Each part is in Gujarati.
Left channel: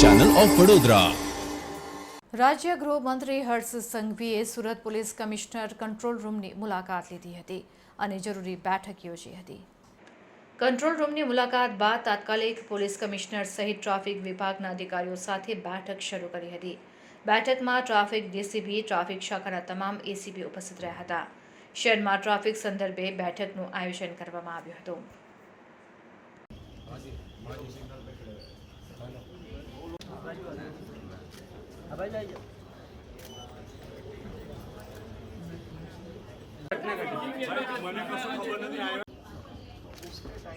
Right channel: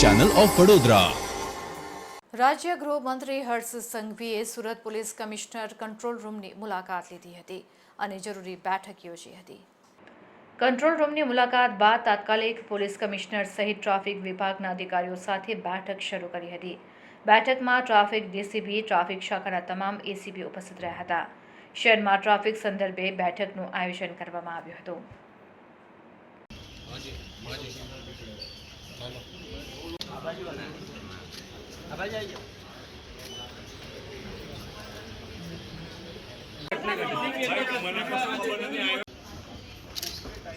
ચેનલ ઓફ વડોદરા રાજ્ય ગૃહમંત્રી હર્ષ સંઘવીએ સુરત પોલીસ કમિશનર કંટ્રોલ રૂમની મુલાકાત લીધી હતી અને જરૂરી બેઠક યોજી હતી. કંટ્રોલ રૂમની મુલાકાત બાદ તાત્કાલિક પોલીસ કમિશનર સહિત ટ્રાફિક વિભાગના અધિકારીઓ સાથે બેઠક શરૂ કરી હતી. બેઠકમાં ટ્રાફિક ડીસીપી ટ્રાફિક શાખાના તમામ એસીપી ઉપસ્થિત રહ્યા હતા. શહેરમાં ટ્રાફિક સંદર્ભે બેઠકનું આયોજન કરવામાં આવ્યું હતું. ભાઈ આવી જાઓ.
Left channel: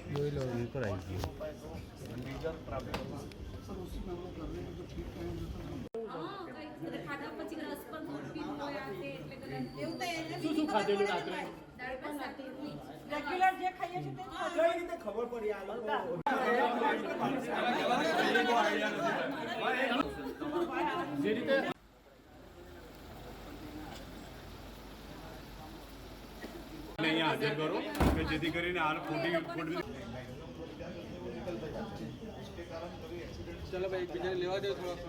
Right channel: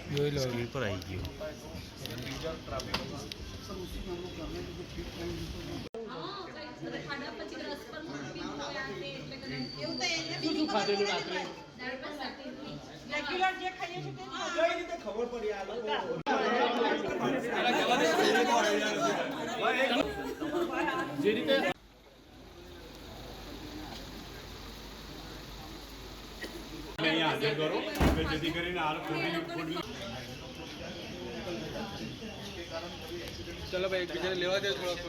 જોઈ લો પર આવી ગયું રેગ્યુલર જે ખાઈએ છીએ. ખબર પડી આ લોકો? અહીંયા હાજર કરો કે જેથી કરીને આ ખોટી ખોટી ચલો ભાઈ એકબીજાને લેવા દે થોડોક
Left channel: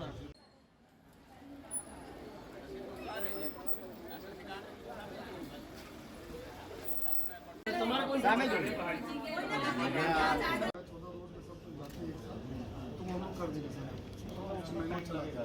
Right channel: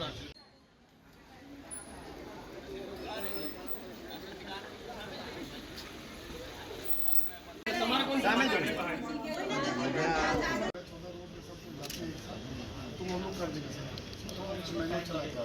तुम हम लोग कर देंगे सर मैंने चला गया